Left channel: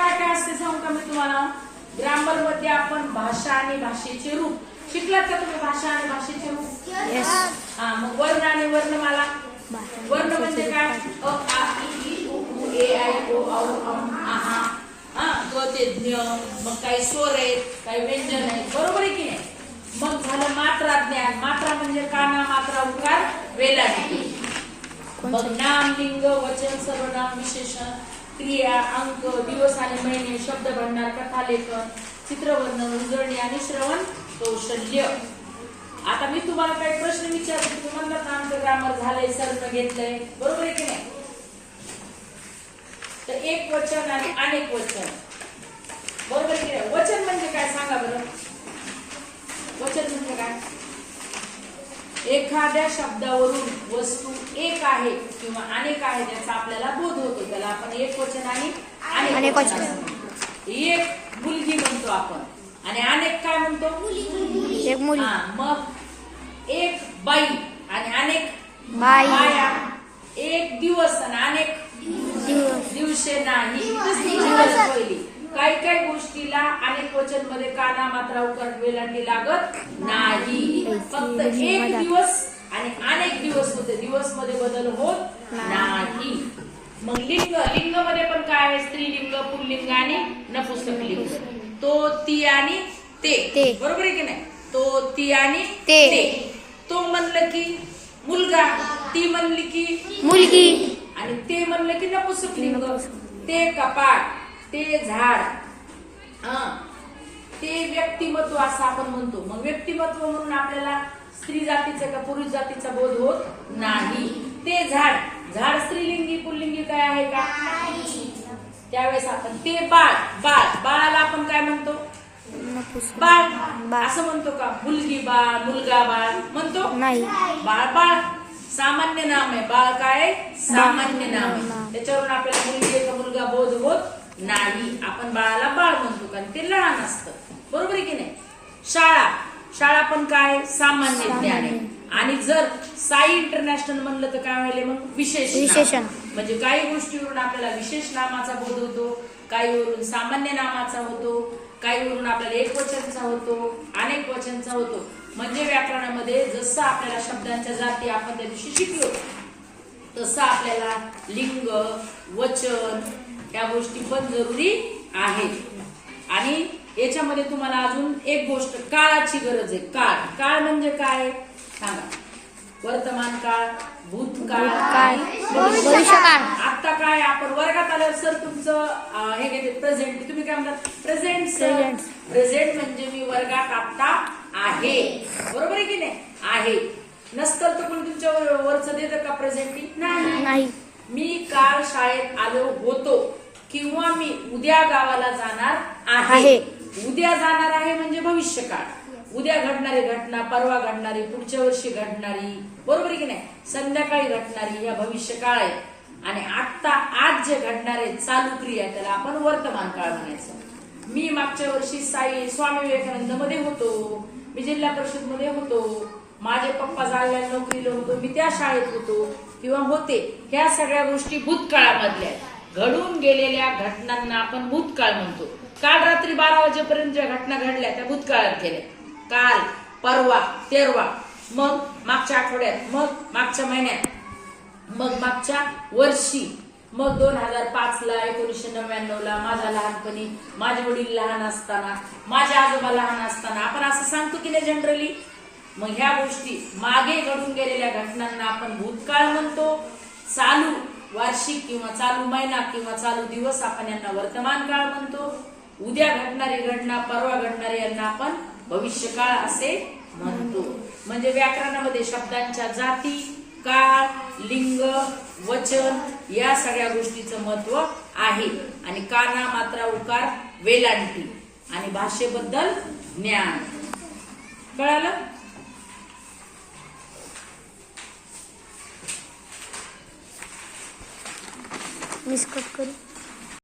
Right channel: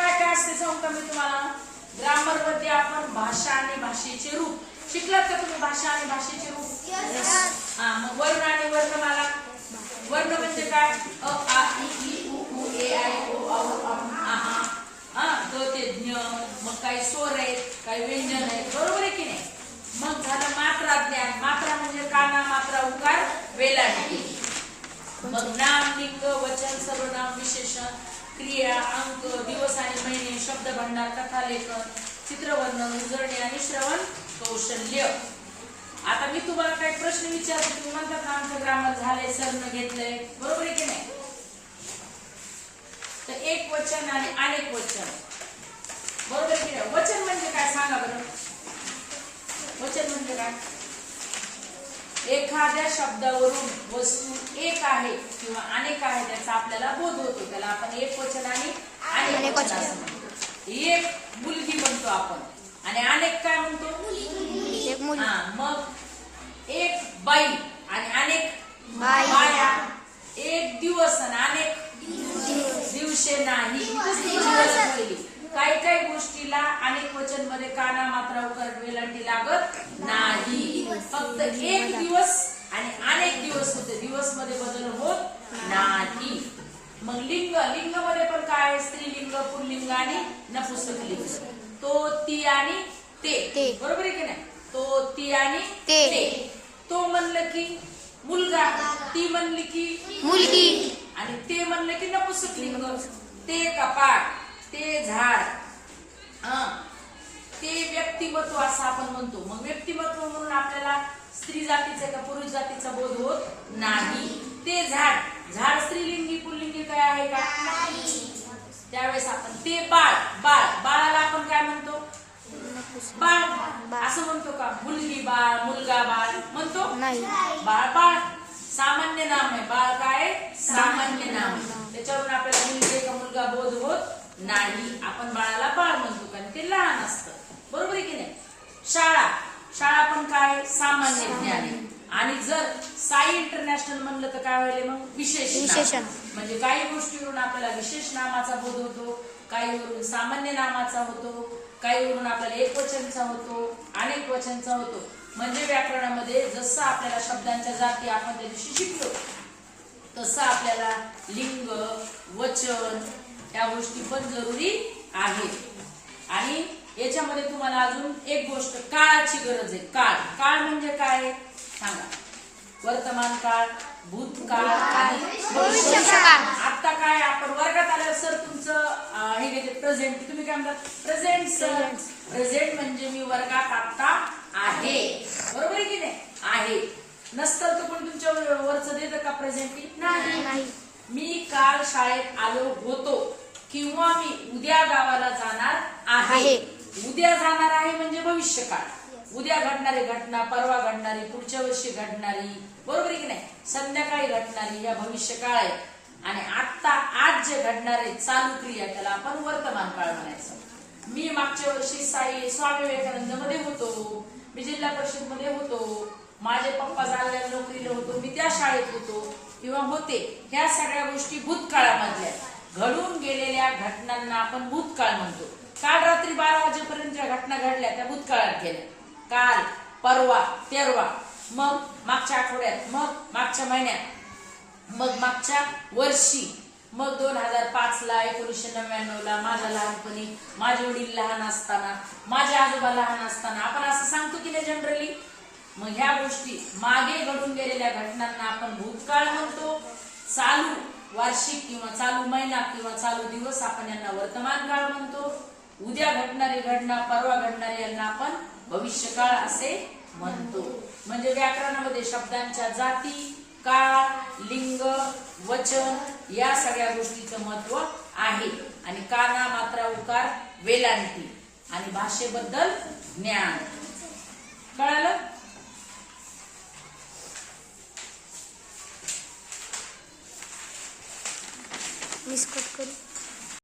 काय काय असते सांगू का मी तुम्हाला. ग्रामर मध्ये आपण भाषा आणि भाषेचे रूप शिकलात का तुम्ही. भाषा आणि भाषेचे रूप. हा मग वर्ण आणि वर्णमाला. वर्ण म्हणजे काय. अ आ इ ई उ ऊ ए ऐ ओ औ अम आ आ ग ते ज्ञ. मग काही स्वर आहेत, काही व्यंजन आहेत, बरोबर आहे की नाही. मग झालं मात्रा ज्ञान. मात्रा म्हणजे काना, मात्रा, उकार, वेलांटी. मग नाम, लिंग, वचन, सर्वनाम, विशेषण, क्रिया, अंक, दिवस आणि महिने, शब्द भंडार, कथालेखन, चित्रवर्णन, उजळणी आणि श्रवण कौशल्य. आता मी तुम्हाला काही प्रश्न विचारते, तुम्हाला आमचं ग्रामर झालंय, सरनं घेतलंय, बरोबर आहे की नाही. तर एक वचन आणि अनेक वचन, बरोबर आहे की नाही. वचन म्हणजे काय सांगा बरं. वचन म्हणजे काय. एखाद्या शब्दावरून वस्तू एक आहे किंवा अनेक आहे त्याचा आपल्याला बोध होतो, त्याला आपण एक वचन आणि अनेक वचन. एक मुलगी म्हणतो आपण आणि अनेक काय म्हणतो. एक मुली. मग एक बाई आणि अनेक बाया. एक दिवस आणि अनेक दिवसे नाही. पहिली काही काही गोष्टीला अनेक वचन मध्ये काना, मात्रा, उकार, वेलांटी लागत नाही. फक्त एक दिवस आणि अनेक दिवस होते, दिवस मध्ये बदल होत नाही. मग लिंग. लिंग मध्ये पण काय आहे. स्त्रीलिंग, पुल्लिंग आणि नपुंसकलिंग. तो, ती आणि ते, बरोबर आहे की नाही. तो, ती आणि ते. तो म्हणलं की मुलगा, ती म्हणली की मुलगी आणि ते म्हणलं की नपुंसकलिंग. ते कपाट, ते झाड, ते व्यक्तिमत्व असं आपण म्हणतो. मग व्यक्तिमत्व म्हणून आपल्याला स्त्री जातीचा का पुरुष जातीचा बोध होत नाही. ते झाड, झाड स्त्रीलिंगी पुल्लिंगी काय आहे का. त्यावेळेस आपण ते बाळ, बाळाला आपण काय म्हणतो. बाळ असं म्हणतो का. मुलगी बाळ, मुलगा बाळ म्हणतो नाही. बाळ सामान्य नाम आहे. बाळ काय सामान्य नाम आहे. त्याच्यावरून आपल्याला मुलगी का मुलगा बोध होत नाही. आपण बाळाला बाळ म्हणतो कारण ते लहान असतं, बरोबर आहे की नाही. शाळा पण काय सामान्य ज्ञान आहे. आणि जर साई इंटरनॅशनल म्हणलं तर काय व्हायला मग विशेषण. म्हणजे काही गोष्टीवरून आपल्याला विशेष नामाचा बोध होतो, काहीवरून सामान्य नामाचा होतो, काहीवरून आपल्याला एक वचनचा होतो, अनेक वचनचा होतो. म्हणजे व्याकरणामध्ये जसं आपल्याला शब्दांच्या जाती आपण त्या दिवशी शिकलो तसं आपल्याला लिंग, वचन या गोष्टी पण जरुरी आहेत. आणि याच्यामध्ये तुम्हाला अजून एक गोष्ट काळाची गरज आहे. काळ म्हणजे काय सांगा. वर्तमान काळ, भूतकाळ आणि भविष्यकाळ. आता काय आपण वर्गात आल्यावर सर तुमचं हे घेते प्रेझेंट. तुम्ही काय म्हणतात प्रेझेंट सर. प्रेझेंट म्हणजे मी वर्गात आता आहे, बरोबर आहे की नाही. आहे नसतं तर पण तुमच्या वरचं देतं का प्रेझेंटी. नाही. मी काल शाळेत आलो होतो किंवा मी उद्या गावाला जाणार आहे. उद्या जाणार आहे म्हणजे भविष्यकाळ. उद्या घडणारी घटना, परवा घडणारी, पुढच्या वर्षी घडणारी, बरोबर आहे की नाही. संध्याकाळी घडणारी या भविष्यकाळ आहे. आणि आता आज जे घडणार आहे चालू क्रिया त्याला आपण वर्तमान काळ म्हणायचं. मी मागच्या वर्षी स्वामी विवेकानंद मध्ये होतो, मी जिल्हा परिषद मध्ये होतो, माझे पप्पा जालन्याला नोकरीला होतो, मी त्या शाळेत होतो किंवा होते. ह्या सगळ्या गोष्टी भूतकाळामधल्या घडून गेलेल्या घटनांना आपण भूतकाळ म्हणतो. काल रात्री 12 वाजेपर्यंत ज्या घटना घडल्या त्या भूतकाळात गेल्या. काल, परवा, तेरवा, मग मागच्या आठवड्यात, मग मागच्या महिन्यात, मग मागच्या वर्षी, मग 2005 ला, 1999 ला, माझ्या लहानपणी, माझे वडील लहान असताना, माझे आजोबा लहान असताना, आपण असं सांगतो की नाही जनरली. मग ह्या गोष्टी मागे घडून गेलेल्या घटनांना आपण भूतकाळ म्हणतो. चालू वार्षिक किंवा चालू महिना किंवा चालू दिवस आपण यांना वर्तमान काळ म्हणतो. उद्या घडणारी घटना, परवा घडणारी यांना आपण भविष्यकाळ असे म्हणतो. म्हणजे व्याकरणामध्ये शब्दांच्या जाती, काळ, लिंग, वचन या सगळ्या गोष्टीचं महत्व आहे. आणि काना, मात्रा, उकार, वेलांटी आणि भाषेबद्दल ज्ञान. कळालं. मिस कट करू.